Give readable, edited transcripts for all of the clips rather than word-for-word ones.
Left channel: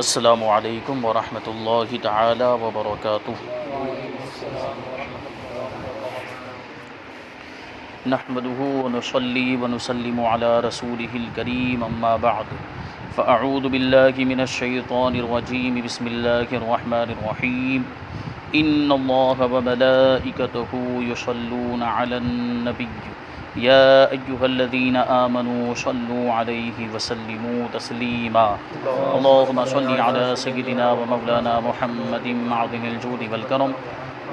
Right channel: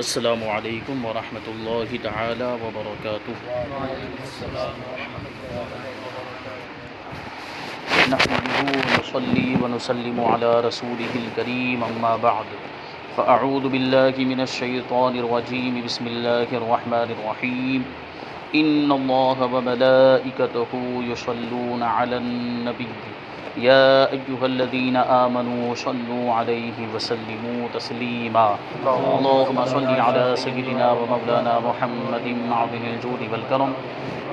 السلام علیکم ورحمۃ اللہ تعالی وبرکاتہ۔ نحمده ونصلي ونسلم على رسوله الكريم اما بعد فاعوذ بالله من الشيطان الرجيم بسم الله الرحمن الرحيم ان الله وملائكته يصلون على النبي يا ايها الذين امنوا صلوا عليه وسلموا تسليما اللهم صل على سيدنا ومولانا محمد معدن الجود والكرم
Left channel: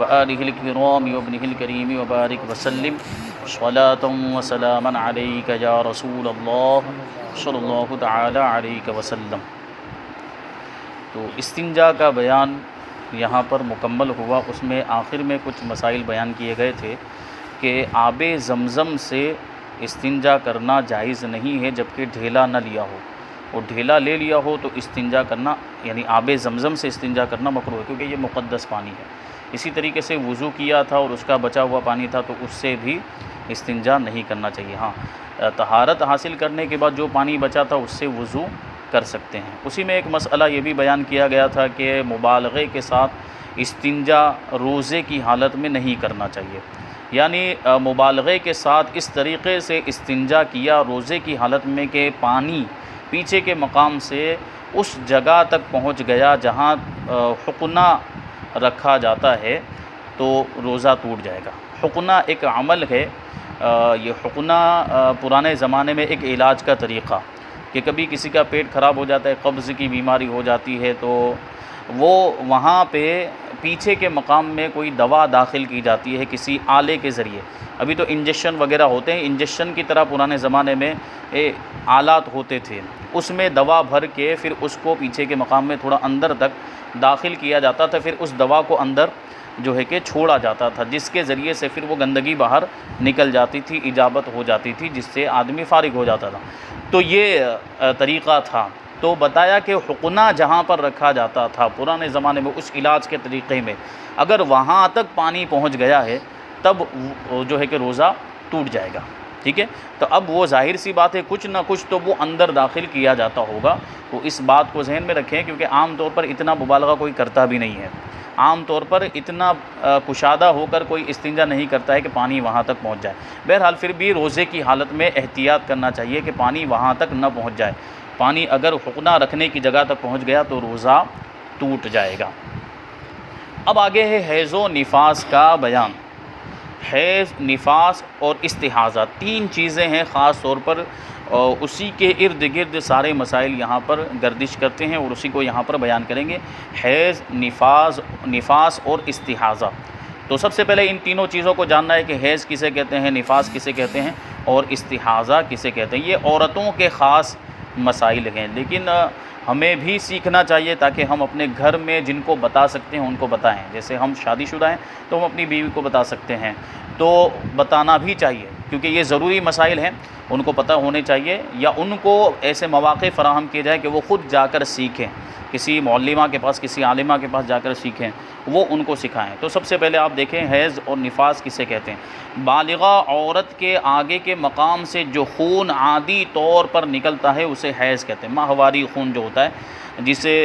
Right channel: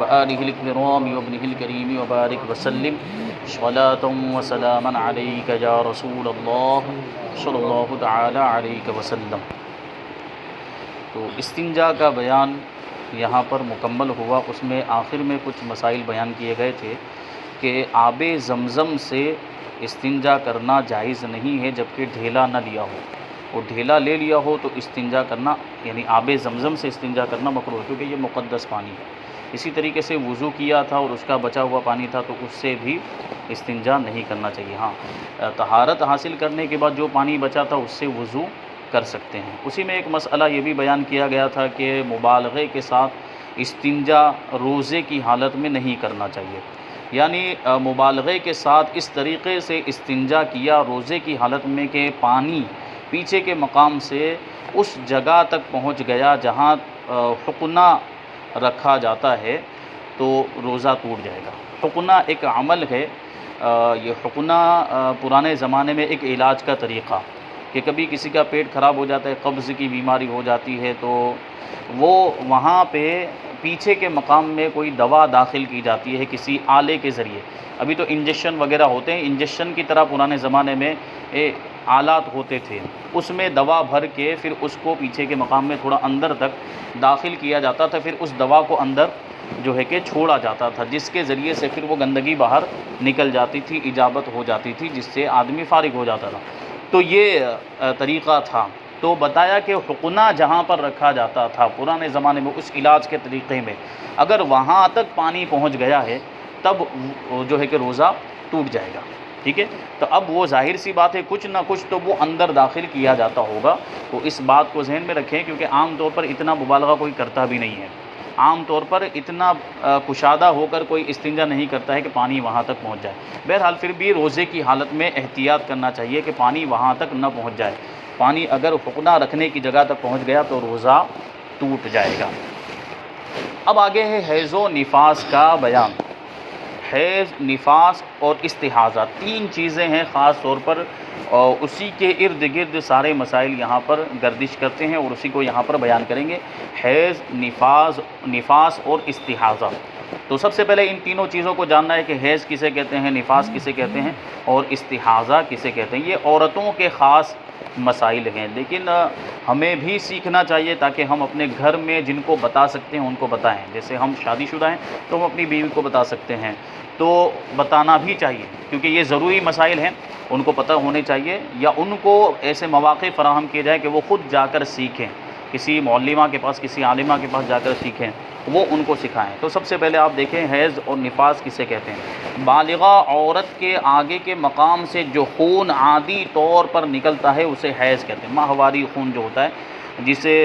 وآله الكرام وابنه الكريم وبارك وسلم صلاة وسلاما عليك يا رسول الله صلی اللہ تعالی علیہ وسلم۔ تو استنجا کا بیان یہاں پر مکمل ہوا۔ اس میں آخر میں کچھ مسائل بیان کیے گئے تھے کہ آب زمزم سے استنجا کرنا جائز نہیں ہے جبکہ ڈھیلا نہ لیا ہو، اور ڈھیلا لے لیا ہو تو استنجا کرنا یعنی آب زمزم سے استنجا کرنا مکروہ ہے، کیونکہ یہ مقدس پانی ہے۔ اسی طریقے سے وضو کیا تھا اور اس کا بچا ہوا پانی تھا تو اس سے بھی استنجا نہیں کرنا چاہیے۔ ہاں، طہارت حاصل کرنے کے بعد جو پانی بچا تھا اس سے وضو کر سکتے ہیں۔ اسی میں ایک مسئلہ یہ بھی بیان کیا گیا تھا کہ مبالغے کے ساتھ استنجا روزے کی حالت میں نہیں کرنا چاہیے، یعنی مبالغے کے ساتھ اس طریقے سے استنجا کیا روزے کی حالت میں کہ پانی پیچھے کے مقام سے اس جگہ تک پہنچ گیا جہاں حقنہ رکھا جاتا ہے تو روزہ ٹوٹ جائے گا۔ حقنہ ایک عمل ہے، یہ حقنہ پرانے زمانے میں ایک علاج کا طریقہ کہ کبھی کسی کا پیٹ خراب ہو جاتا ہے، قبض کی بیماری ہو جاتی ہے تو وہ وہاں پہ پیچھے کے مقام میں کوئی دوا داخل کی جاتی ہے کسی آلے کے ذریعے۔ ابھی تو انجیکشن وغیرہ ہوتے ہیں، انجیکشن کی طرح پرانے زمانے میں آلات ہوتے تھے، اس میں دوا بھر کے پھر اس کو پیچھے کے مقام میں تھوڑا اندر تک داخل کیا جاتا تھا، پھر اس دوا کو اندر جو ہے کہ چھوڑا جاتا تھا، جس کے ذریعے سے پھر وہ گندگی باہر نکل جاتی تھی، اجابت ہو جاتی تھی، جس سے آدمی فارغ ہو جاتا تھا۔ تو یہ طریقہ تھا۔ تو بتایا کہ حقنہ جہاں پر رکھا جاتا تھا پرانے زمانے میں اس علاج کے طریقے میں اگر وہاں تک پانی پہنچ گیا ہے تب جو ہے کہ روزہ ٹوٹ جائے گا، ٹھیک ہے۔ تو اب وہ ظاہر سی بات ہے کچھ نہ کچھ تو وہ اندر داخل کیا جاتا ہوگا، تو اس بات کو ذہن میں رکھیں، کیونکہ عام طور پر اتنا مبالغہ کوئی کرتا بھی نہیں ہے، عام طور پر اتنا کشادہ ہو کر کوئی استنجا نہیں کرتا ہے کہ پانی وہاں تک پہنچ جائے۔ بہرحال پھر بھی روزے کی حالت میں احتیاط کرنا چاہیے کہ پانی وہاں تک نہ پہنچ جائے۔ پانی اگر حقنہ رکھنے کی جگہ تک پہنچ گیا تو روزہ ٹوٹ جائے گا۔ اب آگے ہے حیض و نفاس کا بیان۔ حیض، نفاس اور استحاضہ تین چیزیں ہیں خاص طور پر، اور اسی کے ارد گرد سارے مسائل یہاں پر گردش کرتے ہیں اور اسی کو یہاں پر بیان کریں گے۔ حیض، نفاس اور استحاضہ۔ تو سب سے پہلے ان تینوں چیزوں کو جاننا ہے کہ حیض کسے کہتے ہیں، نفاس کسے کہتے ہیں اور استحاضہ کسے کہتے ہیں۔ یہ عورتوں کے خاص مسائل ہیں، لیکن ہمیں بھی سیکھنا چاہیے تاکہ ہم اپنے گھر میں جن کو بتا سکتے ہیں ان کو بتائیں۔ جیسے ہم شادی شدہ ہیں تو ہم اپنی بیوی کو بتا سکتے ہیں، تو بتانا بھی چاہیے کیونکہ یہ ضروری مسائل ہیں، ان کو پتہ ہونے چاہیے، یا ان کو ایسے مواقع فراہم کیے جائے کہ وہ خود جا کر سیکھیں، کسی معلمہ کے پاس، کسی عالمہ کے پاس جا کر سیکھیں، وہ ان کو سکھائیں۔ تو سب سے پہلے آپ دیکھیں حیض اور نفاس کسے کہتے ہیں۔ بالغہ عورت کے آگے کے مقام سے جو خون عادی طور پر نکلتا ہے اسے حیض کہتے ہیں۔ ماہواری خون جو ہوتا ہے، جسے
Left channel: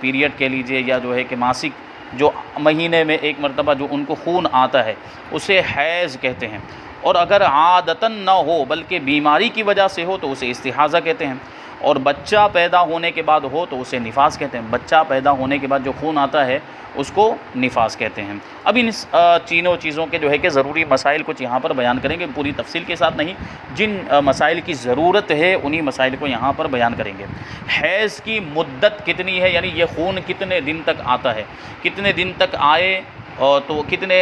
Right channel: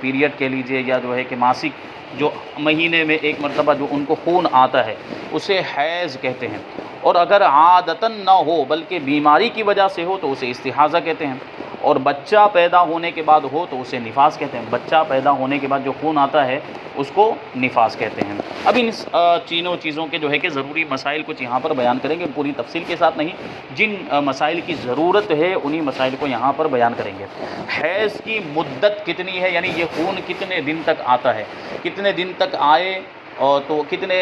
پیریڈ کہہ لیجئے یا جو ہے کہ ماسک، جو مہینے میں ایک مرتبہ جو ان کو خون آتا ہے اسے حیض کہتے ہیں۔ اور اگر عادتاً نہ ہو بلکہ بیماری کی وجہ سے ہو تو اسے استحاضہ کہتے ہیں، اور بچہ پیدا ہونے کے بعد ہو تو اسے نفاس کہتے ہیں۔ بچہ پیدا ہونے کے بعد جو خون آتا ہے اس کو نفاس کہتے ہیں۔ اب ان تینوں چیزوں کے جو ہے کہ ضروری مسائل کچھ یہاں پر بیان کریں گے، پوری تفصیل کے ساتھ نہیں، جن مسائل کی ضرورت ہے انہی مسائل کو یہاں پر بیان کریں گے۔ حیض کی مدت کتنی ہے، یعنی یہ خون کتنے دن تک آتا ہے، کتنے دن تک آئے تو کتنے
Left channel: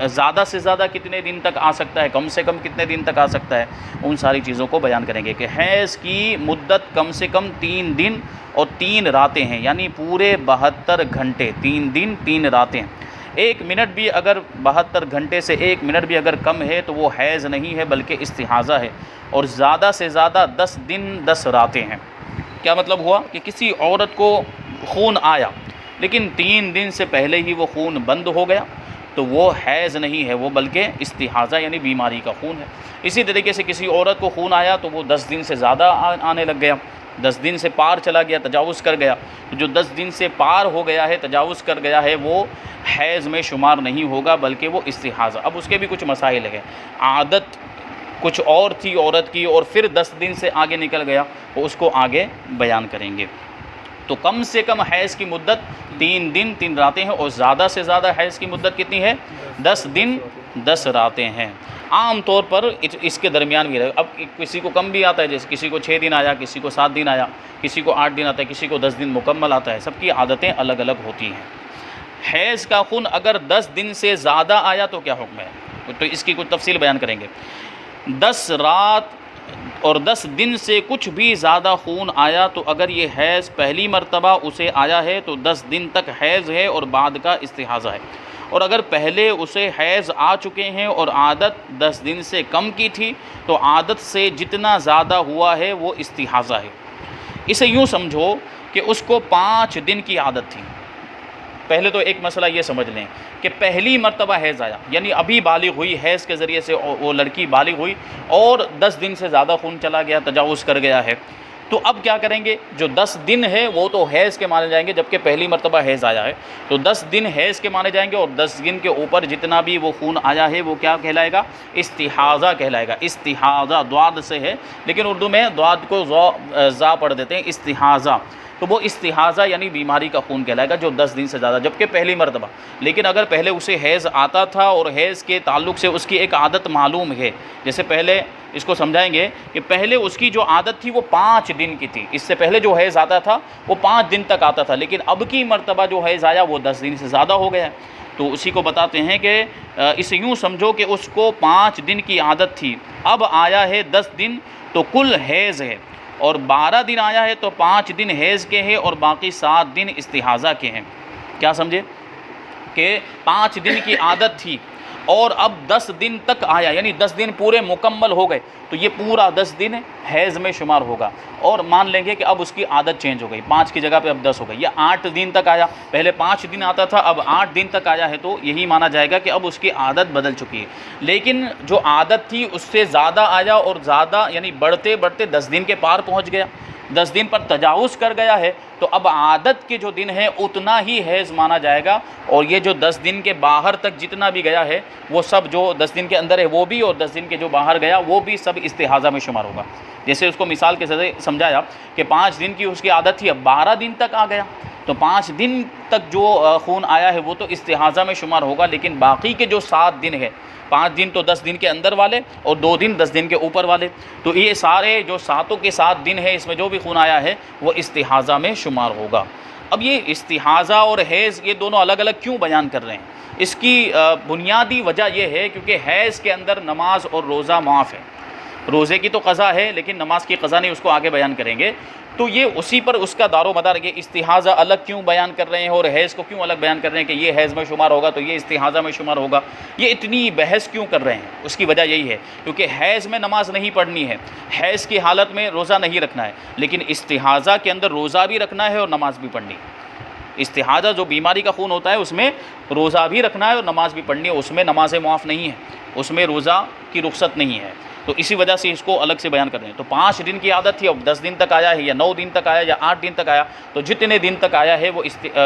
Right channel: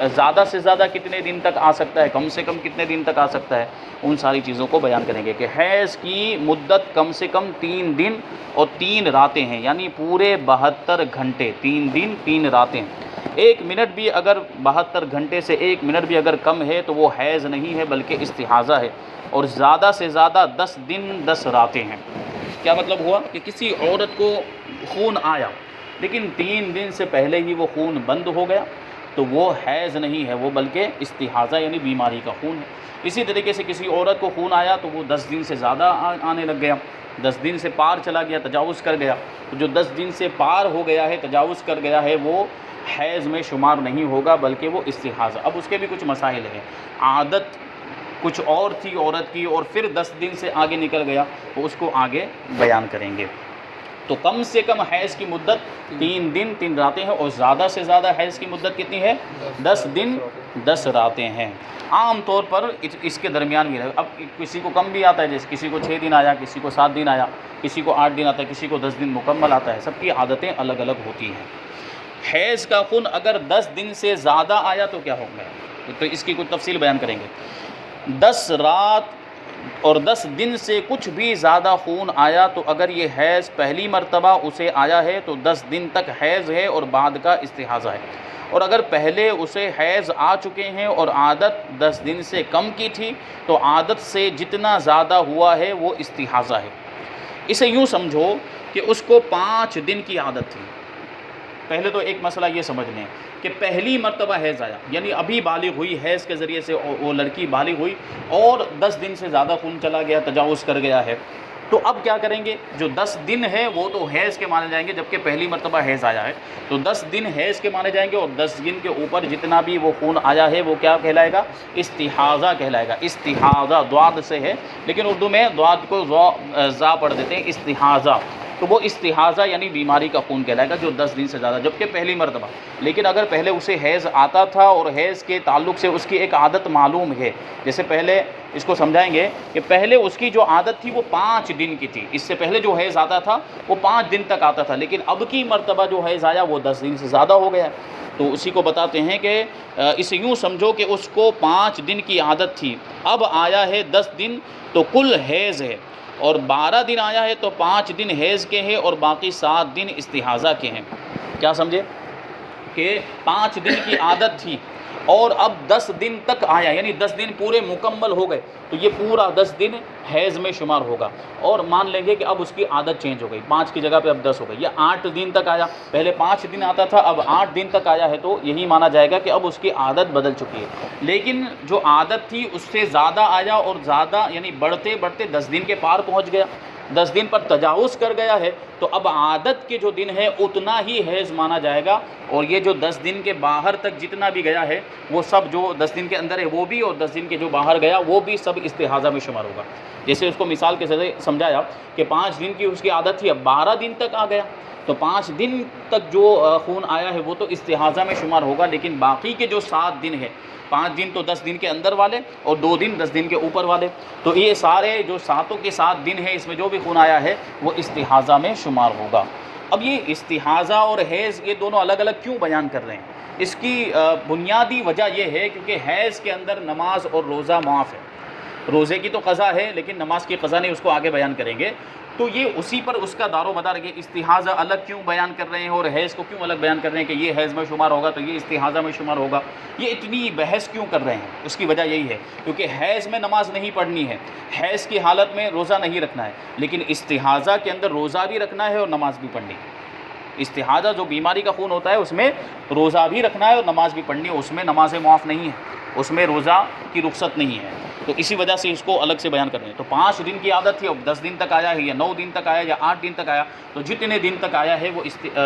زیادہ سے زیادہ کتنے دن تک آ سکتا ہے، کم سے کم کتنے دن تک آ سکتا ہے، ان ساری چیزوں کو بیان کریں گے کہ حیض کی مدت کم سے کم 3 دن اور 3 راتیں ہیں، یعنی پورے 72 گھنٹے، 3 دن 3 راتیں۔ 1 منٹ بھی اگر 72 گھنٹے سے 1 منٹ بھی اگر کم ہے تو وہ حیض نہیں ہے بلکہ استحاضہ ہے، اور زیادہ سے زیادہ 10 دن 10 راتیں ہیں۔ کیا مطلب ہوا کہ کسی عورت کو خون آیا لیکن 3 دن سے پہلے ہی وہ خون بند ہو گیا تو وہ حیض نہیں ہے، وہ بلکہ استحاضہ یعنی بیماری کا خون ہے۔ اسی طریقے سے کسی عورت کو خون آیا تو وہ 10 دن سے زیادہ آنے لگ گیا 10 دن سے پار چلا گیا، تجاوز کر گیا، تو جو 10 دن سے پار ہو گیا ہے، تجاوز کر گیا ہے، وہ حیض میں شمار نہیں ہوگا بلکہ وہ استحاضہ۔ اب اس کے بھی کچھ مسائل ہیں، عادت کچھ اور تھی عورت کی اور پھر 10 دن سے آگے نکل گیا، تو اس کو آگے بیان کریں گے۔ تو کم سے کم حیض کی مدت 3 دن 3 راتیں ہیں، اور زیادہ سے زیادہ حیض کی مدت کتنی ہے؟ 10 دن 10 راتیں ہیں۔ عام طور پر اس کے درمیان بھی رہے، اب کسی کو کم بھی آتا ہے، جیسے کسی کو 6 دن آیا، کسی کو 7 دن آیا، کسی کو 8 دن آتا ہے، کسی کو 10 دن مکمل آتا ہے، سب کی عادتیں الگ الگ ہوتی ہیں۔ حیض کا خون اگر 10 دن سے زیادہ آیا تو کیا حکم ہے؟ تو اس کی کچھ تفصیل بیان کریں گے۔ 10 رات اور 10 دن سے کچھ بھی زیادہ خون آیا تو اگر یہ حیض پہلی مرتبہ اسے آیا ہے تو 10 دن تک حیض ہے اور بعد کا استحاضہ ہے، اور اگر پہلے اسے حیض آ چکے ہیں اور عادت 10 دن سے کم کی تھی تو عادت سے جتنا زیادہ ہوا ہے وہ استحاضہ ہے۔ اسے یوں سمجھو کہ اس کو 5 دن کی عادت تھی۔ پہلے تو ایک مسئلہ یہ سمجھ لیں کہ پہلی مرتبہ حیض آیا، یعنی ابھی بالغ ہوئی، حیض کے ذریعے سے وہ لڑکی بالغ ہوئی اور 10 دن سے زیادہ خون چلا گیا، تجاوز کر گیا ہے، تو اب کیا کریں گے؟ جو 10 دن ہے وہ تو حیض کے مانے جائیں گے، جبکہ پہلی مرتبہ حیض آیا ہے تو 10 دن حیض کے مانے جائیں گے، اور 10 دن کے اوپر جتنا بھی وہ خون آیا ہے وہ کیا کہلائے گا؟ استحاضہ کہلائے گا۔ استحاضہ دواد سے ہے، لیکن اردو میں دواد کو زا پڑھ دیتے ہیں، استحاضہ، تو وہ استحاضہ یعنی بیماری کا خون کہلائے گا جو 10 دن سے زیادہ، جبکہ پہلی مرتبہ۔ لیکن اگر پہلے اسے حیض آتا تھا اور حیض کے تعلق سے اس کی ایک عادت معلوم ہے، جیسے پہلے اس کو سمجھائیں گے کہ پہلے اس کی جو عادت تھی وہ 5 دن کی تھی، اس سے پہلے جو حیض آتا تھا وہ 5 دن تک آتا تھا، لیکن اب کی مرتبہ جو حیض آیا وہ 10 دن سے زیادہ ہو گیا ہے، تو اسی کو بتاتے ہیں کہ اسے یوں سمجھو کہ اس کو 5 دن کی عادت تھی، اب آیا ہے 10 دن تو کل حیض ہے، اور 12 دن آیا ہے تو 5 دن حیض کے ہیں اور باقی 7 دن استحاضہ کے ہیں۔ کیا سمجھے؟ کہ 5 دن کی عادت تھی اور اب 10 دن تک آیا، یعنی 10 دن پورے مکمل ہو گئے تو یہ پورا 10 دن حیض میں شمار ہوگا، اور مان لیں گے کہ اب اس کی عادت چینج ہو گئی، 5 کی جگہ پہ اب 10 ہو گئی، یا 8 دن تک آیا، پہلے 5 دن آتا تھا اب 8 دن تک آیا ہے، تو یہی مانا جائے گا کہ اب اس کی عادت بدل چکی ہے۔ لیکن جو عادت تھی اس سے زیادہ آیا اور زیادہ یعنی بڑھتے بڑھتے 10 دن کے پار پہنچ گیا، 10 دن پر تجاوز کر گیا ہے، تو اب عادت کے جو دن ہے اتنا ہی حیض مانا جائے گا، اور یہ جو 10 دن کے باہر تک جتنا بھی گیا ہے وہ سب جو 10 دن کے اندر ہے وہ بھی، اور 10 دن کے جو باہر گیا وہ بھی سب استحاضہ میں شمار ہوگا۔ جیسے اس کو مثال کے ذریعے سمجھایا کہ 5 دن کی اس کی عادت تھی، اب 12 دن تک آ گیا تو 5 دن تک جو خون آیا ہے وہ تو استحاضہ میں شمار ہوگا، لیکن باقی کے جو 7 دن ہے، 5 دن تو 10 دن کے اندر والے اور 2 دن 10 دن کے اوپر والے، تو یہ سارے جو 7 کے 7 دن ہے اس میں جو بھی خون آیا ہے وہ استحاضہ میں شمار ہوگا۔ اب یہ استحاضہ اور حیض یہ دونوں الگ الگ کیوں بیان کر رہے ہیں؟ اس کی بنیادی وجہ یہ ہے کیونکہ حیض کے اندر نماز اور روزہ معاف ہے، روزے کی تو قضا ہے لیکن نماز کی قضا نہیں، اس کو آگے بیان کریں گے، تو یہ اسی پر اس کا دار و مدار ہے۔ استحاضہ الگ کیوں بیان کر رہے ہیں اور حیض کو کیوں الگ بیان کر رہے ہیں کہ یہ حیض میں شمار ہوگا تو یہ استحاضہ میں شمار ہوگا، یہ اتنی بحث کیوں کر رہے ہیں؟ اس کی وجہ یہی ہے کیونکہ حیض میں نماز نہیں پڑھنی ہے، حیض کی حالت میں روزہ نہیں رکھنا ہے، لیکن استحاضہ کے اندر روزہ بھی رکھنا ہے اور نماز بھی پڑھنی ہے۔ استحاضہ جو بیماری کا خون ہوتا ہے اس میں روزہ بھی رکھنا ہے اور نماز بھی پڑھنی ہے، اس میں نماز معاف نہیں ہے، اس میں روزہ کی رخصت نہیں ہے، تو اسی وجہ سے اس کو الگ سے بیان کر رہے ہیں۔ تو 5 دن کی عادت تھی، اب 10 دن تک آیا ہے یا 9 دن تک آیا یا 8 دن تک آیا، تو جتنے دن تک آیا ہے وہ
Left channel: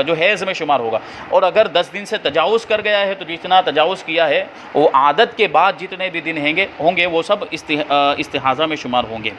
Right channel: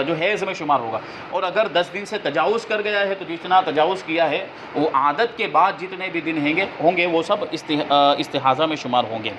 جو حیض میں شمار ہوگا، اور اگر 10 دن سے تجاوز کر گیا ہے تو جتنا تجاوز کیا ہے وہ عادت کے بعد جتنے بھی دن ہوں گے وہ سب استحاضہ میں شمار ہوں گے۔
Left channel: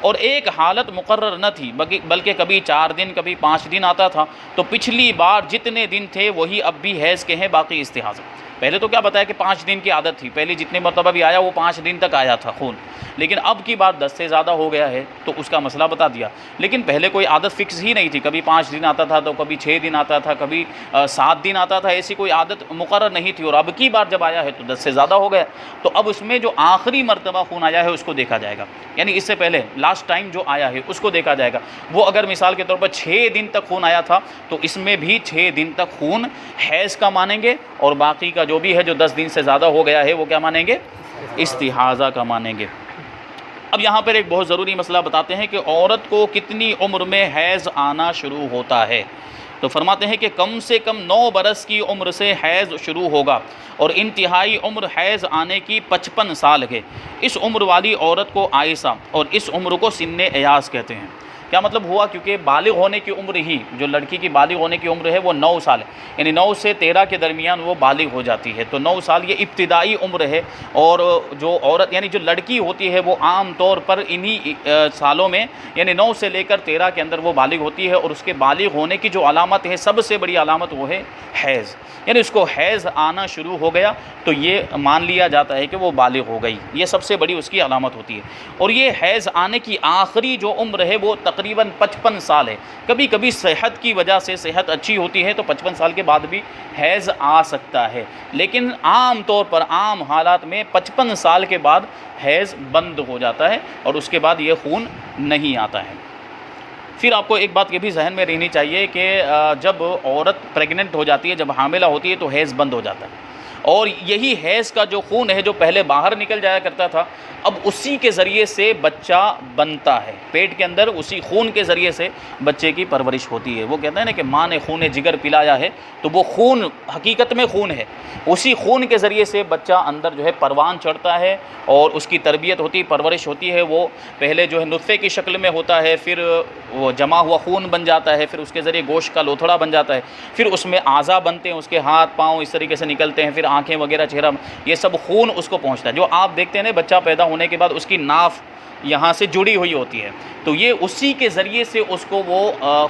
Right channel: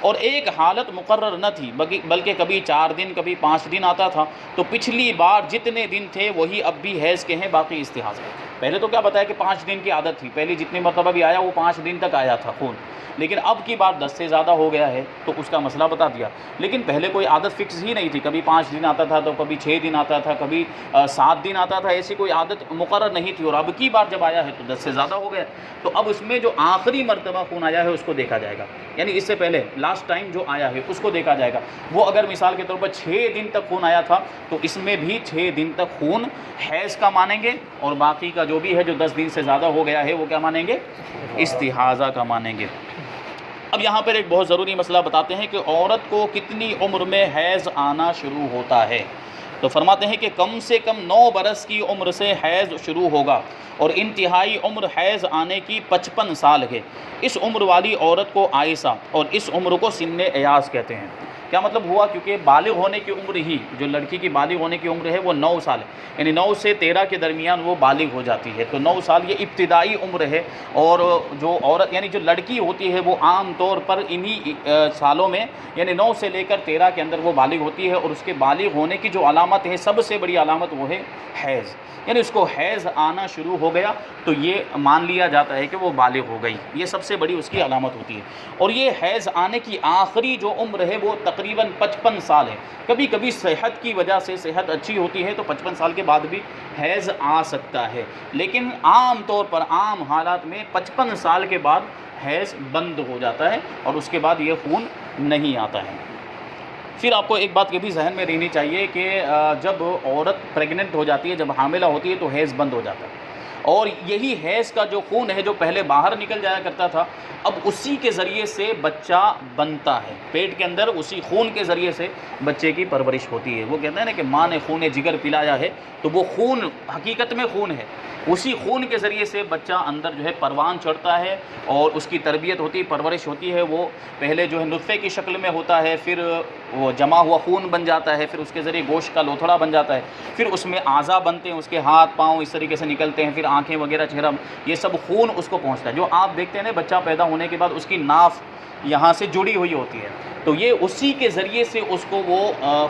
اور ایک حالت مقرر نہ تھی بلکہ کبھی 4 دن کبھی 5 دن آتا تھا، تو پچھلی بار جتنے دن تھے وہی اب بھی حیض کے ہیں، باقی استحاضہ۔ پہلے تو کیا بتایا کہ 5 دن کی عادت تھی، پہلی جتنی مرتبہ بھی آیا وہ 5 دن تک آیا تھا خون، لیکن اب کی بات 10 سے زیادہ ہو گیا ہے تو اس کا مسئلہ بتا دیا، لیکن پہلے کوئی عادت فکس ہی نہیں تھی، کبھی 5 دن آتا تھا تو کبھی 6 دن آتا تھا، کبھی 7 دن آتا تھا، ایسی کوئی عادت مقرر نہیں تھی، اور اب کی بار جب آیا ہے تو 10 سے زیادہ ہو گیا، تو اب اس میں جو آخری مرتبہ خون آیا ہے اس کو دیکھا جائے گا، یعنی اس سے پہلے لاسٹ ٹائم جو آیا ہے اس کو دیکھا جائے گا۔ وہ اگر مثال کے طور پر 6 دن تک خون آیا تھا تو اس میں بھی 6 دن تک خون حیض کا مانیں گے، اور باقی کا جو بھی ہے جو 10 دن سے زیادہ ہو گیا ہے وہ کیا مانیں گے؟ استحاضہ کا مانیں گے۔ اب یہاں پر ایک بہت ضروری مسئلہ بتاتے ہیں کہ عورت کو کتنی عمر میں حیض آنا شروع ہوتا ہے، تو فرماتے ہیں کہ کم سے کم 9 برس کی عمر سے حیض شروع ہوگا، اور انتہائی عمر حیض آنے کی 55 سال ہے۔ اس عمر والی عورت کو عائشہ اور اس عمر کو سن ایاز کہتے ہیں۔ کیا مطلب ہوا؟ کیونکہ بالغ ہونے کی عمر ہی، جو لڑکی کی بالغ ہونے کی عمر ہے وہ 9 سال ہے، یعنی 9 سے 13 کے درمیان وہ بالغ ہو جاتی ہے، تو 9 سال یہ ابتدائی عمر ہے۔ اور جو عورت یعنی جو لڑکی ہوتی ہے وہ عام طور پر انہی سالوں میں یعنی 9 سے لے کر 13 کے اندر وہ بالغ ہوتی ہے، اور اس کے بالغ ہونے کی جو علامت ہے سب سے بڑی علامت وہ ہے حیض، یعنی اس کو حیض آنا شروع ہو گیا تو یہ مان لیا جاتا ہے کہ وہ بالغ ہو گئی، یہ سب سے بڑی اس کی علامت ہوتی ہے۔ اور یہ حیض آنے کی آخری جو عمر ہے وہ تقریباً 55 سال ہے، کبھی کبھی صحت کی وجہ سے صحت اچھی ہوتی ہے تو 55 سال کے بعد بھی حیض آ سکتا ہے، لیکن عام طور پر عام حالات میں 55 سال کے بعد حیض بند ہو جاتا ہے اور اس کے بعد یہ خون نہیں آتا ہے۔ پھر آپ کو ایک بات یہ بھی ذہن میں رہنی چاہیے کہ جب عورت پریگننٹ ہو جاتی ہے، جب حاملہ ہوتی ہے تو حیض بند ہو جاتا ہے، اور یہی حیض کا جو خون ہے جو پہلے باہر نکل جایا کرتا تھا، اب اسی کے ذریعے سے بچہ بنتا ہے، پیٹ کے اندر اسی خون کے ذریعے سے بچے کی پرورش ہوتی ہے۔ وہ کہتے ہیں نا کہ ماں نے خون جگر پلایا ہے، تو وہ خون حقیقت میں خون ہے، اسی خون کے ذریعے سے بچہ اندر جو ہے پروان چڑھتا ہے اور اس کی تربیت ہوتی ہے، پرورش ہوتی ہے۔ وہ پہلے جو ہے نطفے کی شکل میں ہوتا ہے، پھر وہ جمع ہوا خون بن جاتا ہے، پھر اس کے ذریعے گوشت کا لوتھڑا بن جاتا ہے، پھر اس میں اعضاء بنتے ہیں، اس کے ہاتھ پاؤں اس طریقے سے نکلتے ہیں، پھر آنکھیں وغیرہ، چہرہ، یہ سب خون اس کو پہنچتا ہے۔ جو آپ دیکھتے ہیں نا بچہ پیدا ہونے کے بعد اس کی ناف یہاں سے جڑی ہوئی ہوتی ہے، تو یہ اسی کے ذریعے سے اس کو وہ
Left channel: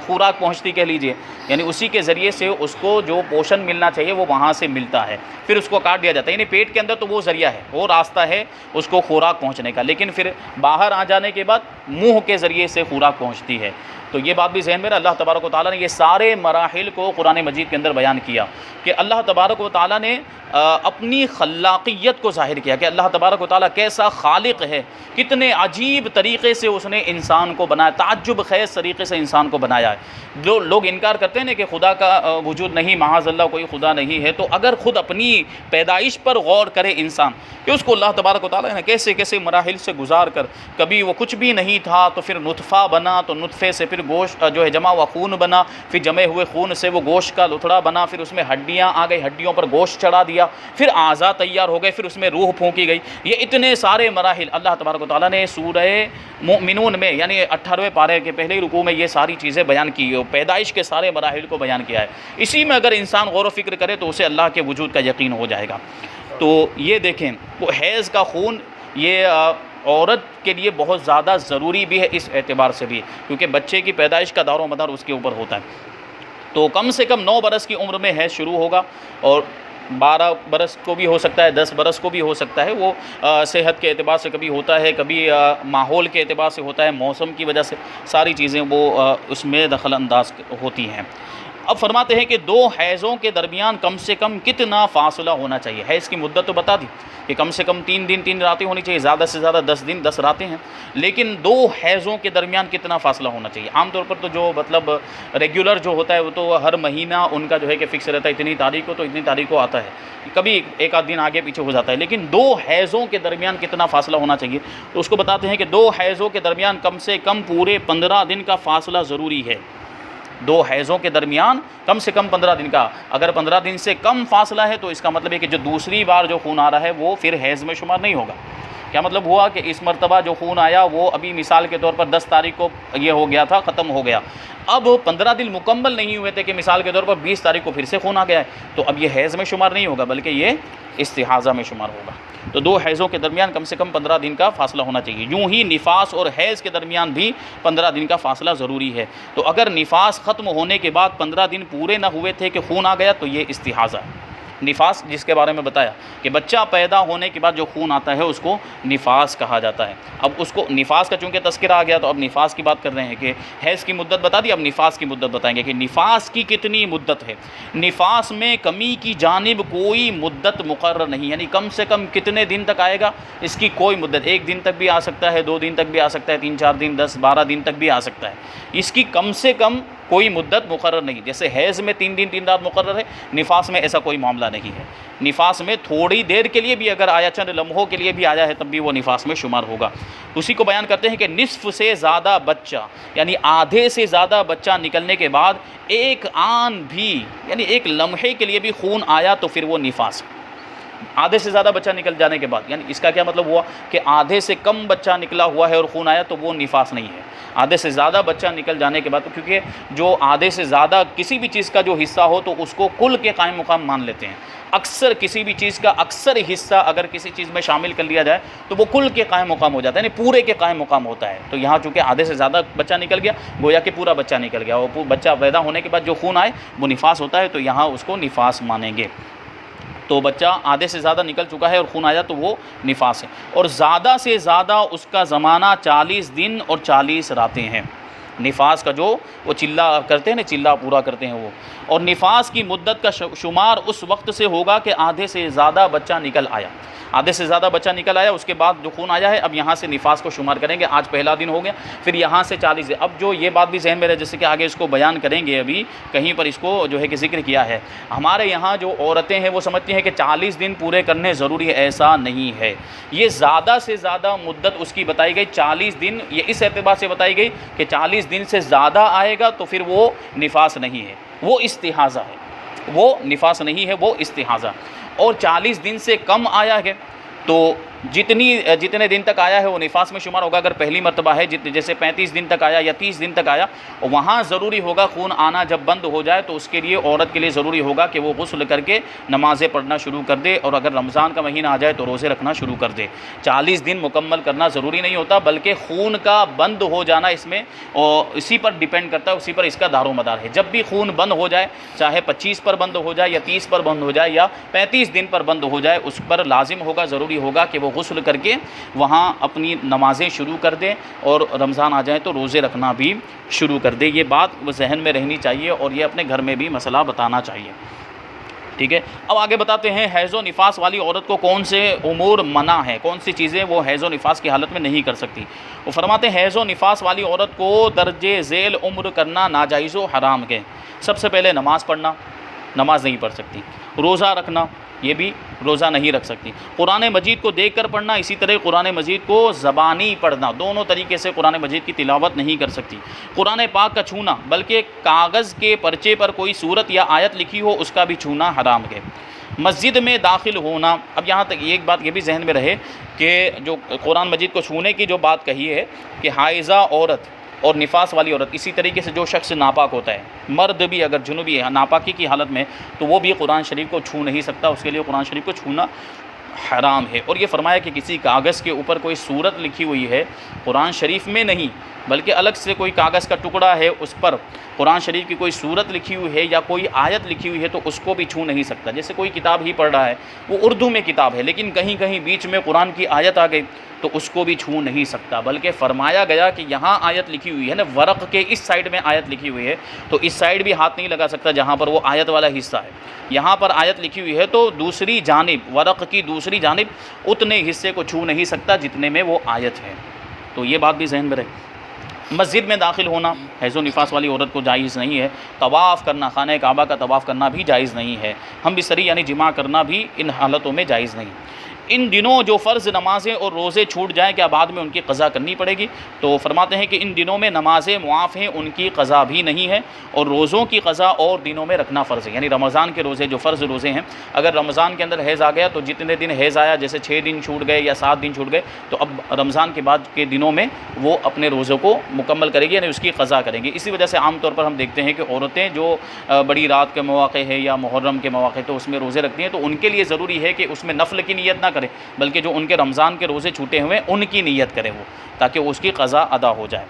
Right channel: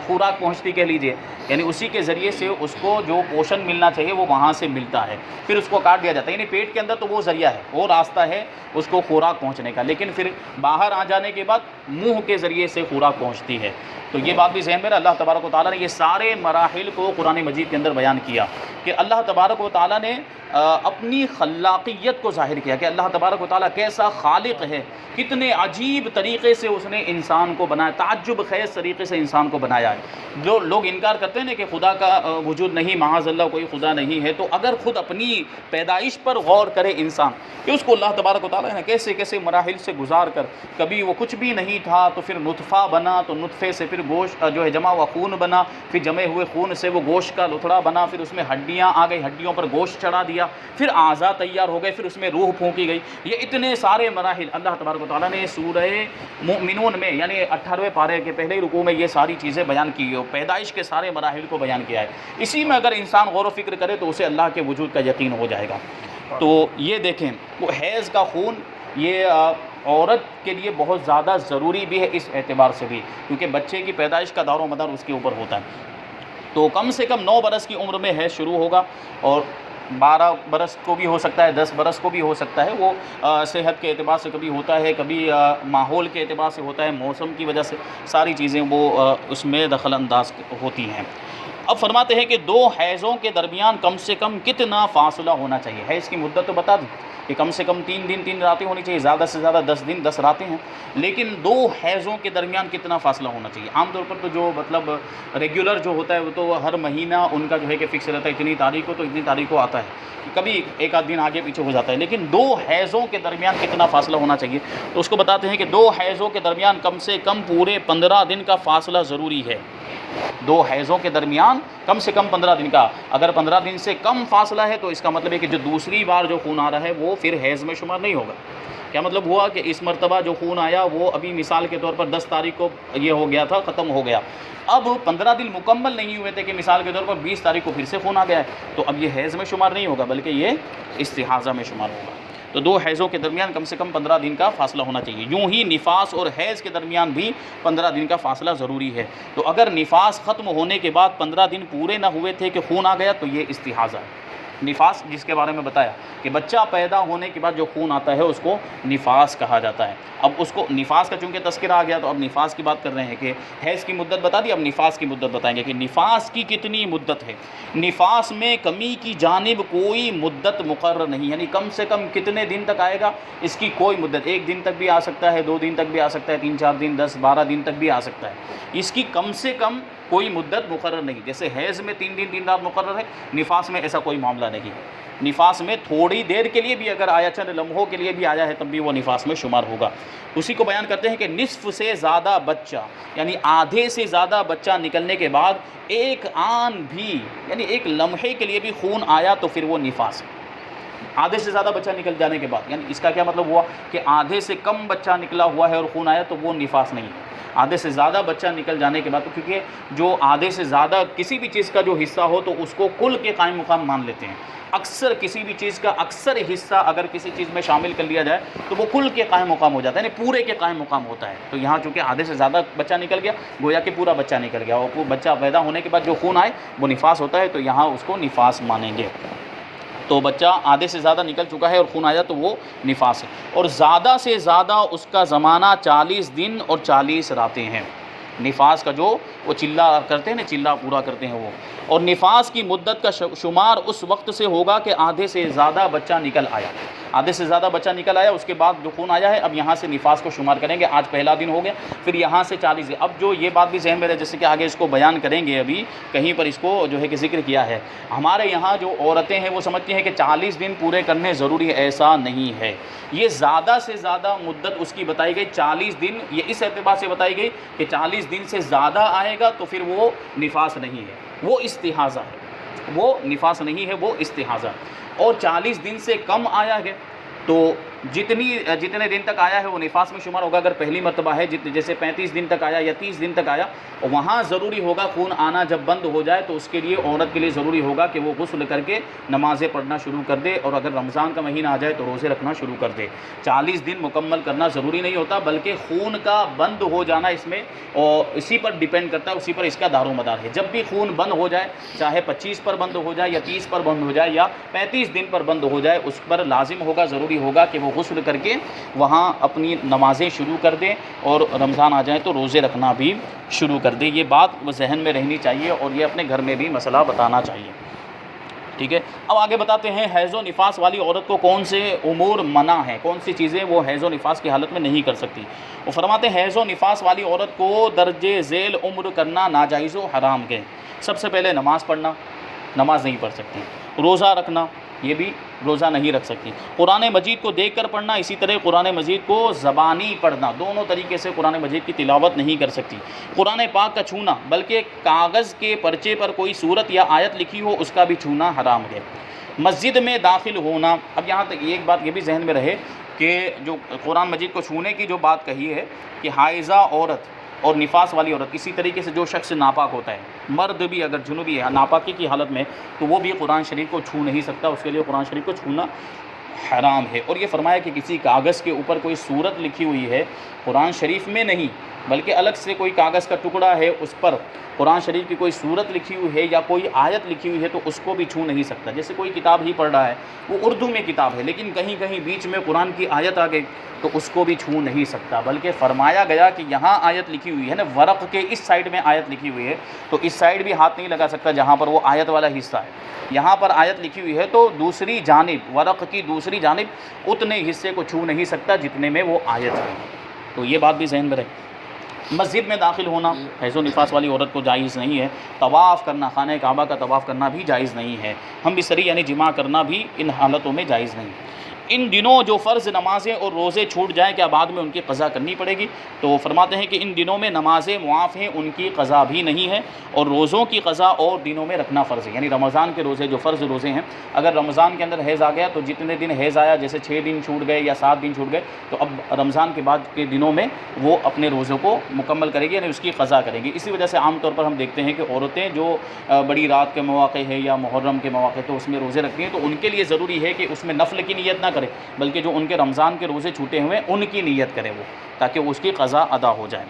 خوراک پہنچتی کہہ لیجئے، یعنی اسی کے ذریعے سے اس کو جو پوشن ملنا چاہیے وہ وہاں سے ملتا ہے، پھر اس کو کاٹ دیا جاتا ہے، یعنی پیٹ کے اندر تو وہ ذریعہ ہے، وہ راستہ ہے اس کو خوراک پہنچنے کا، لیکن پھر باہر آ جانے کے بعد منہ کے ذریعے سے خوراک پہنچتی ہے۔ تو یہ بات بھی ذہن میں رہے، اللہ تبارک و تعالیٰ نے یہ سارے مراحل کو قرآن مجید کے اندر بیان کیا کہ اللہ تبارک و تعالیٰ نے اپنی خلاقیت کو ظاہر کیا کہ اللہ تبارک و تعالیٰ کیسا خالق ہے، کتنے عجیب طریقے سے اس نے انسان کو بنایا، تعجب خیز طریقے سے انسان کو بنایا ہے۔ جو لوگ انکار کرتے ہیں کہ خدا کا وجود نہیں، معاذ اللہ کوئی خدا نہیں ہے، تو اگر خود اپنی پیدائش پر غور کرے انسان کہ اس کو اللہ تبارک و تعالیٰ نے کیسے کیسے مراحل سے گزار کر، کبھی وہ کچھ بھی نہیں تھا تو پھر نطفہ بنا، تو نطفے سے پھر گوشت جو ہے جمع ہوا خون بنا، پھر جمے ہوئے خون سے وہ گوشت کا لتھڑا بنا، پھر اس میں ہڈیاں آ گئی، ہڈیوں پر گوشت چڑھا دیا، پھر اعضاء تیار ہو گئے، پھر اس میں روح پھونکی گئی۔ یہ اتنے سارے مراحل اللہ تبارک و تعالیٰ نے سورہ مومنون میں یعنی 18ویں پارے کے پہلے رکوع میں یہ ساری چیزیں بیان کی ہے، پیدائش کے سارے مراحل کو بیان کیا ہے۔ اسی میں اگر انسان غور و فکر کرے تو اسے اللہ کے وجود کا یقین ہو جائے گا۔ تو یہ دیکھیں وہ حیض کا خون یہ عورت کے لیے بہت زیادہ ضروری بھی ہے اس اعتبار سے بھی، کیونکہ بچے کی پیدائش کا دار و مدار اس کے اوپر ہوتا ہے۔ تو کم سے کم 9 برس کی عمر میں حیض شروع ہوگا، اور 12 برس کو بھی ہو سکتا ہے، 10 برس کو بھی ہو سکتا ہے، وہ صحت کے اعتبار سے کبھی ہوتا ہے، کبھی ماحول کے اعتبار سے ہوتا ہے، موسم کی وجہ سے ساری چیزیں وہ اس میں دخل انداز ہوتی ہیں۔ اب فرماتے ہیں کہ 2 حیضوں کے درمیان کم سے کم کتنا فاصلہ ہونا چاہیے۔ حیض کی مدت تو بتا دی کہ کم سے کم 3 دن 3 راتیں ہونی چاہیے، زیادہ سے زیادہ 10 دن 10 راتیں ہیں، لیکن 2 حیضوں کے درمیان کتنا فاصلہ ہونا چاہیے؟ عام طور پر تو جو مطلب ریگولر جو ہوتا ہے وہ تو ہر مہینہ ان کا جو ہے کہ فکس رہتا ہے، اتنی تاریخ کو تو اتنی تاریخ کو آتا ہے، کبھی ایک آدھ دن آگے پیچھے ہو جاتا ہے، لیکن 2 حیضوں کے درمیان کتنا فاصلہ ہونا چاہیے؟ تو اس کو بتاتے ہیں کہ 2 حیضوں کے درمیان کم سے کم پورے 15 دن کا فاصلہ ضروری ہے۔ 2 حیضوں کے درمیان کم سے کم 15 دن کا، اگر 15 دن سے کم فاصلہ ہے تو اس کا مطلب ہے کہ جو دوسری بار جو خون آ رہا ہے وہ پھر حیض میں شمار نہیں ہوگا۔ کیا مطلب ہوا کہ اس مرتبہ جو خون آیا وہ ابھی مثال کے طور پر 10 تاریخ کو یہ ہو گیا تھا، ختم ہو گیا، اب 15 دن مکمل نہیں ہوئے تھے کہ مثال کے طور پر 20 تاریخ کو پھر سے خون آ گیا ہے، تو اب یہ حیض میں شمار نہیں ہوگا بلکہ یہ استحاضہ میں شمار ہوگا۔ تو 2 حیضوں کے درمیان کم سے کم 15 دن کا فاصلہ ہونا چاہیے۔ یوں ہی نفاس اور حیض کے درمیان بھی 15 دن کا فاصلہ ضروری ہے۔ تو اگر نفاس ختم ہونے کے بعد 15 دن پورے نہ ہوئے تھے کہ خون آ گیا تو یہ استحاضہ ہے۔ نفاس جس کے بارے میں بتایا کہ بچہ پیدا ہونے کے بعد جو خون آتا ہے اس کو نفاس کہا جاتا ہے۔ اب اس کو نفاس کا چونکہ تذکرہ آ گیا تو اب نفاس کی بات کر رہے ہیں کہ حیض کی مدت بتا دی، اب نفاس کی مدت بتائیں گے کہ نفاس کی کتنی مدت ہے۔ نفاس میں کمی کی جانب کوئی مدت مقرر نہیں، یعنی کم سے کم کتنے دن تک آئے گا اس کی کوئی مدت، 1 دن تک بھی آ سکتا ہے، 2 دن تک بھی آ سکتا ہے، 3 4 دن 10 12 دن تک بھی آ سکتا ہے، اس کی کم سے کم کوئی مدت مقرر نہیں۔ جیسے حیض میں 3 دن 3 رات مقرر ہے، نفاس میں ایسا کوئی معاملہ نہیں ہے۔ نفاس میں تھوڑی دیر کے لیے بھی اگر آیا، چند لمحوں کے لیے بھی آیا ہے، تب بھی وہ نفاس میں شمار ہوگا۔ اسی کو بیان کرتے ہیں کہ نصف سے زیادہ بچہ یعنی آدھے سے زیادہ بچہ نکلنے کے بعد ایک آن بھی یعنی ایک لمحے کے لیے بھی خون آیا تو پھر وہ نفاس ہے۔ آدھے سے زیادہ بچہ نکل جانے کے بعد، یعنی اس کا کیا مطلب ہوا کہ آدھے سے کم بچہ نکلا ہوا ہے اور خون آیا تو وہ نفاس نہیں ہے۔ آدھے سے زیادہ بچہ نکل جانے کے بعد، کیونکہ جو آدھے سے زیادہ کسی بھی چیز کا جو حصہ ہو تو اس کو کل کے قائم مقام مان لیتے ہیں۔ اکثر کسی بھی چیز کا اکثر حصہ اگر کسی چیز میں شامل کر لیا جائے تو وہ کل کے قائم مقام ہو جاتا ہے، یعنی پورے کے قائم مقام ہوتا ہے۔ تو یہاں چونکہ آدھے سے زیادہ بچہ نکل گیا، گویا کہ پورا بچہ نکل گیا، اور بچہ پیدا ہونے کے بعد جو خون آئے وہ نفاس ہوتا ہے، تو یہاں اس کو نفاس مانیں گے۔ تو بچہ آدھے سے زیادہ نکل چکا ہے اور خون آیا تو وہ نفاس ہے، اور زیادہ سے زیادہ اس کا زمانہ 40 دن اور 40 راتیں ہیں۔ نفاس کا جو وہ چلہ کرتے ہیں نا، چلہ پورا کرتے ہیں وہ، اور نفاس کی مدت کا شمار اس وقت سے ہوگا کہ آدھے سے زیادہ بچہ نکل آیا۔ آدھے سے زیادہ بچہ نکل آیا، اس کے بعد جو خون آیا ہے اب یہاں سے نفاس کو شمار کریں گے۔ آج پہلا دن ہو گیا، پھر یہاں سے 40 دن۔ اب جو یہ بات بھی ذہن میں رہے، جیسے کہ آگے اس کو بیان کریں گے، ابھی کہیں پر اس کو جو ہے کہ ذکر کیا ہے۔ ہمارے یہاں جو عورتیں ہیں وہ سمجھتی ہیں کہ 40 دن پورے کرنے ضروری ہے، ایسا نہیں ہے۔ یہ زیادہ سے زیادہ مدت اس کی بتائی گئی 40 دن، یہ اس اعتبار سے بتائی گئی کہ 40 دن سے زیادہ آئے گا تو پھر وہ نفاس نہیں ہے، وہ استحاضہ ہے، وہ نفاس نہیں ہے، وہ استحاضہ۔ اور 40 دن سے کم آیا ہے تو جتنے دن تک آیا ہے وہ نفاس میں شمار ہوگا۔ اگر پہلی مرتبہ ہے جیسے 35 دن تک آیا یا 30 دن تک آیا، وہاں ضروری ہوگا خون آنا جب بند ہو جائے تو اس کے لیے عورت کے لیے ضروری ہوگا کہ وہ غسل کر کے نمازیں پڑھنا شروع کر دے، اور اگر رمضان کا مہینہ آ جائے تو روزے رکھنا شروع کر دے۔ 40 دن مکمل کرنا ضروری نہیں ہوتا، بلکہ خون کا بند ہو جانا اس میں اسی پر ڈیپینڈ کرتا ہے، اسی پر اس کا دار و مدار ہے۔ جب بھی خون بند ہو جائے، چاہے 25 پر بند ہو جائے یا 30 پر بند ہو جائے یا 35 دن پر بند ہو جائے، اس پر لازم ہوگا، ضروری ہوگا کہ وہ غسل کر کے وہاں اپنی نمازیں شروع کر دیں، اور رمضان آ جائے تو روزے رکھنا بھی شروع کر دے۔ یہ بات ذہن میں رہنی چاہیے، اور یہ اپنے گھر میں بھی مسئلہ بتانا چاہیے، ٹھیک ہے۔ اب آگے بتاتے ہیں حیض و نفاس والی عورت کو کون سے امور منع ہیں، کون سی چیزیں وہ حیض و نفاس کی حالت میں نہیں کر سکتی۔ وہ فرماتے ہیں حیض و نفاس والی عورت کو درجے ذیل عمر کرنا ناجائز و حرام ہے۔ سب سے پہلے نماز پڑھنا، نماز نہیں پڑھ سکتی۔ روزہ رکھنا، یہ بھی روزہ نہیں رکھ سکتی۔ قرآن مجید کو دیکھ کر پڑھنا، اسی طرح قرآن مجید کو زبانی پڑھنا، دونوں طریقے سے قرآن مجید کی تلاوت نہیں کر سکتی۔ قرآن پاک کا چھونا، بلکہ کاغذ کے پرچے پر کوئی صورت یا آیت لکھی ہو اس کا بھی چھونا حرام ہے۔ مسجد میں داخل ہونا، اب یہاں تک ایک بات یہ بھی ذہن میں رہے کہ جو قرآن مجید کو چھونے کی جو بات کہی ہے کہ حائضہ عورت اور نفاس والی عورت، اسی طریقے سے جو شخص ناپاک ہوتا ہے، مرد بھی اگر جنوبی ہے ناپاکی کی حالت میں، تو وہ بھی قرآن شریف کو چھو نہیں سکتا، اس کے لیے قرآن شریف کو چھونا حرام ہے۔ اور یہ فرمایا کہ کسی کاغذ کے اوپر کوئی صورت لکھی ہوئی ہے، قرآن شریف میں نہیں بلکہ الگ سے کوئی کاغذ کا ٹکڑا ہے، اس پر قرآن شریف کی کوئی صورت لکھی ہوئی ہے یا کوئی آیت لکھی ہوئی ہے تو اس کو بھی چھو نہیں سکتا۔ جیسے کوئی کتاب ہی پڑھ رہا ہے، وہ اردو میں کتاب ہے لیکن کہیں کہیں بیچ میں قرآن کی آیت آ گئی تو اس کو بھی چھو نہیں سکتا، بلکہ فرمایا گیا کہ یہاں آیت لکھی ہوئی ہے نا، ورق کے اس سائیڈ میں آیت لکھی ہوئی ہے تو اس سائیڈ بھی ہاتھ نہیں لگا سکتا جہاں پر وہ آیت والا حصہ ہے۔ یہاں پر آیت لکھی ہوئی ہے تو دوسری جانب، ورق کی دوسری جانب اتنے حصے کو چھو نہیں سکتا جتنے میں وہ آیت ہے۔ تو یہ بات بھی ذہن میں رہے۔ مسجد میں داخل ہونا حیض و نفاس والی عورت کو جائز نہیں ہے۔ طواف کرنا، خانہ کعبہ کا طواف کرنا بھی جائز نہیں ہے۔ ہم بستری یعنی جماع کرنا بھی ان حالتوں میں جائز نہیں۔ ان دنوں جو فرض نمازیں اور روزے چھوٹ جائیں کیا بعد میں ان کی قضا کرنی پڑے گی؟ تو فرماتے ہیں کہ ان دنوں میں نمازیں معاف ہیں، ان کی قضا بھی نہیں ہے، اور روزوں کی قضا اور دنوں میں رکھنا فرض ہے۔ یعنی رمضان کے روزے جو فرض روزے ہیں، اگر رمضان کے اندر حیض آ گیا تو جتنے دن حیض آیا، جیسے 6 دن چھوٹ گئے یا 7 دن چھوٹ گئے، تو اب رمضان کے بعد کے دنوں میں وہ اپنے روزوں کو مکمل کرے گی، یعنی اس کی قضا کریں گی۔ اسی وجہ سے عام طور پر ہم دیکھتے ہیں کہ عورتیں جو بڑی رات کے مواقع ہے یا محرم کے مواقع تو اس میں روزے رکھتی ہیں، تو ان کے لیے ضروری ہے کہ اس میں نفل کی نیت نہ کرے بلکہ جو ان کے رمضان کے روزے چھوٹے ہوئے ان کی نیت کرے وہ، تاکہ اس کی قضا ادا ہو جائے،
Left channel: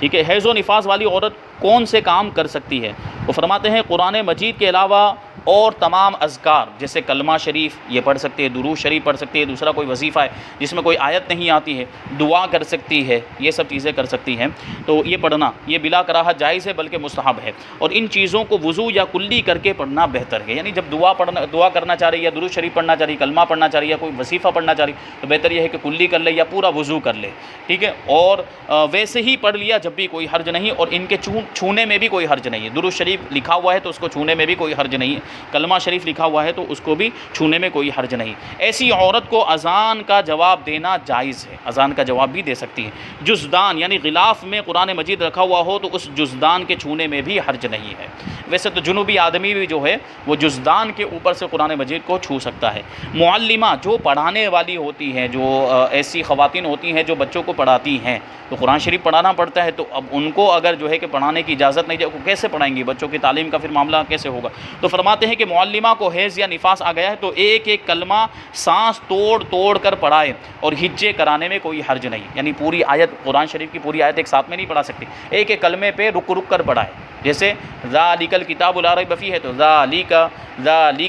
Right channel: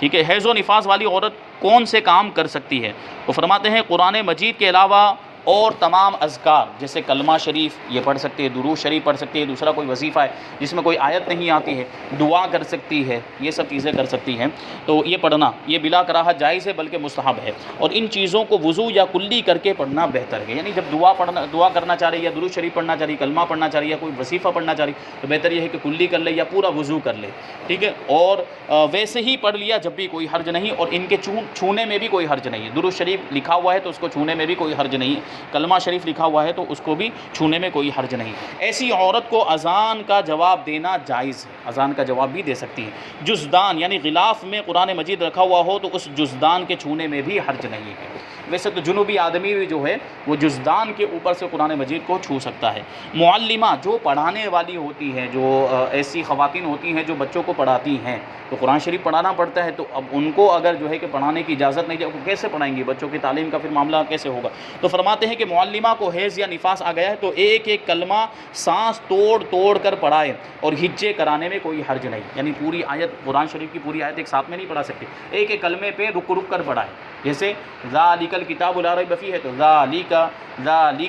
ٹھیک ہے۔ حیض و نفاس والی عورت کون سے کام کر سکتی ہے؟ وہ فرماتے ہیں قرآن مجید کے علاوہ اور تمام اذکار، جیسے کلمہ شریف یہ پڑھ سکتے ہیں، درود شریف پڑھ سکتے ہیں، دوسرا کوئی وظیفہ ہے جس میں کوئی آیت نہیں آتی ہے، دعا کر سکتی ہے، یہ سب چیزیں کر سکتی ہیں۔ تو یہ پڑھنا یہ بلا کراہت جائز ہے بلکہ مستحب ہے، اور ان چیزوں کو وضو یا کلی کر کے پڑھنا بہتر ہے۔ یعنی جب دعا کرنا چاہ رہی ہے یا درود شریف پڑھنا چاہ رہی ہے، کلمہ پڑھنا چاہ رہی ہے یا کوئی وظیفہ پڑھنا چاہ رہی ہے تو بہتر یہ ہے کہ کلی کر لے یا پورا وضو کر لے، ٹھیک ہے۔ اور ویسے ہی پڑھ لیا جب بھی کوئی حرج نہیں، اور ان کے چھونے میں بھی کوئی حرج نہیں ہے۔ درود شریف لکھا ہوا ہے تو اس کو چھونے میں بھی کوئی حرج نہیں ہے، کلمہ شریف لکھا ہوا ہے تو اس کو بھی چھونے میں کوئی حرج نہیں۔ ایسی عورت کو اذان کا جواب دینا جائز ہے، اذان کا جواب بھی دے سکتی ہے۔ جزدان یعنی غلاف میں قرآن مجید رکھا ہوا ہو تو اس جزدان کے چھونے میں بھی حرج نہیں ہے۔ ویسے تو جنوبی آدمی بھی جو ہے وہ جزدان کے اوپر سے قرآن مجید کو چھو سکتا ہے۔ معلمہ جو پڑھانے والی ہوتی ہے، جو ایسی خواتین ہوتی ہیں جو بچوں کو پڑھاتی ہیں، تو قرآن شریف پڑھانا پڑتا ہے، تو اب ان کو اگر جو ہے کہ پڑھانے کی اجازت نہیں ہے وہ کیسے پڑھائیں گی؟ بچوں کی تعلیم کا پھر معاملہ کیسے ہوگا؟ تو فرماتے ہیں کہ معلمہ کو حیض یا نفاس آ گیا ہے تو ایک ایک کلمہ سانس توڑ توڑ کر پڑھائے اور ہجے کرانے میں کوئی حرج نہیں، یعنی پوری آیت قرآن شریف کی پوری آیت ایک ساتھ میں نہیں پڑھا سکتی، ایک ایک کلمے پہ رک رک کر پڑھائے۔ جیسے ذالک الکتاب لا ریب فیہ ہے تو ذالک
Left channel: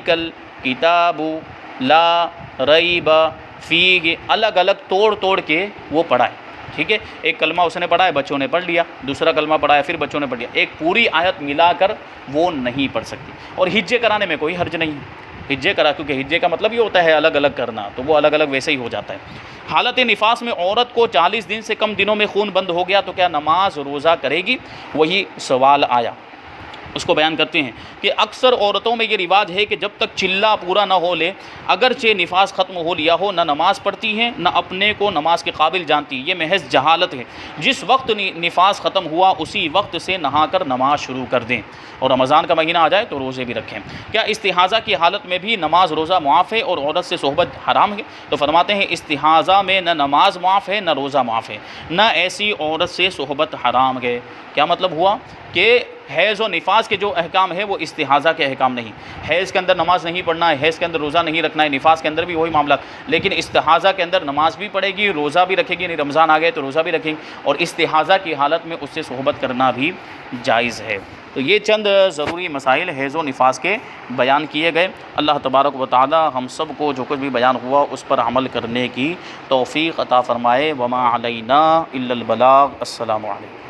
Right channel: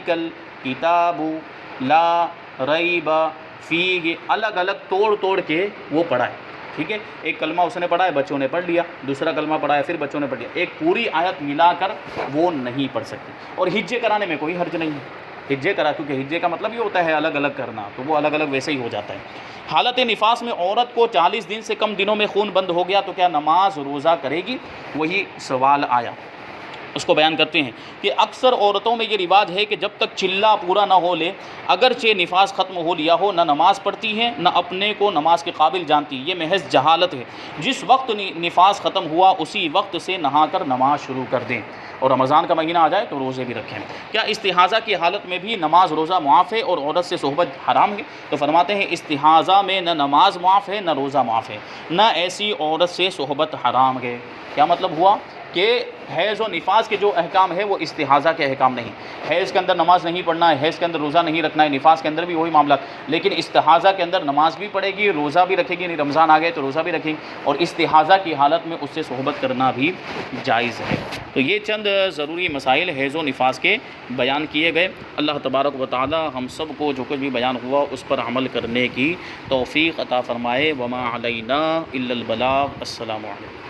الکتاب لا ریب فیہ، الگ الگ توڑ توڑ کے وہ پڑھائے، ٹھیک ہے؟ ایک کلمہ اس نے پڑھا ہے، بچوں نے پڑھ لیا، دوسرا کلمہ پڑھا ہے پھر بچوں نے پڑھ لیا، ایک پوری آیت ملا کر وہ نہیں پڑھ سکتی۔ اور ہجے کرانے میں کوئی حرج نہیں ہے، ہجے کرا، کیونکہ ہجے کا مطلب یہ ہوتا ہے الگ الگ کرنا، تو وہ الگ الگ ویسے ہی ہو جاتا ہے۔ حالت نفاس میں عورت کو 40 دن سے کم دنوں میں خون بند ہو گیا تو کیا نماز روزہ کرے گی؟ وہی سوال آیا، اس کو بیان کرتے ہیں کہ اکثر عورتوں میں یہ رواج ہے کہ جب تک چلہ پورا نہ ہو لے، اگرچہ نفاس ختم ہو لیا ہو، نہ نماز پڑھتی ہیں نہ اپنے کو نماز کے قابل جانتی۔ یہ محض جہالت ہے۔ جس وقت نفاس ختم ہوا اسی وقت سے نہا کر نماز شروع کر دیں، اور رمضان کا مہینہ آ جائے تو روزے بھی رکھیں۔ کیا استحاضہ کی حالت میں بھی نماز روزہ معاف ہے اور عورت سے صحبت حرام ہے؟ تو فرماتے ہیں استحاضہ میں نہ نماز معاف ہے نہ روزہ معاف ہے، نہ ایسی عورت سے صحبت حرام ہے۔ کیا مطلب ہوا کہ حیض و نفاس کے جو احکام ہے وہ استحاضہ کے احکام نہیں۔ حیض کے اندر نماز نہیں پڑھنا ہے، حیض کے اندر روزہ نہیں رکھنا ہے، نفاس کے اندر بھی وہی معاملات، لیکن استحاضہ کے اندر نماز بھی پڑھے گی، روزہ بھی رکھے گی، یعنی رمضان آ گئے تو روزہ بھی رکھیں گی، اور استحاضہ کی حالت میں اس سے صحبت کرنا بھی جائز ہے۔ تو یہ چند ضروری مسائل حیض و نفاس کے بیان کیے گئے۔ اللہ تبارک و تعالی ہم سب کو جو کچھ بھی بیان ہوا اس پر عمل کرنے کی توفیق عطا فرمائے۔ وما علینا الا البلاغ۔ السلام علیکم۔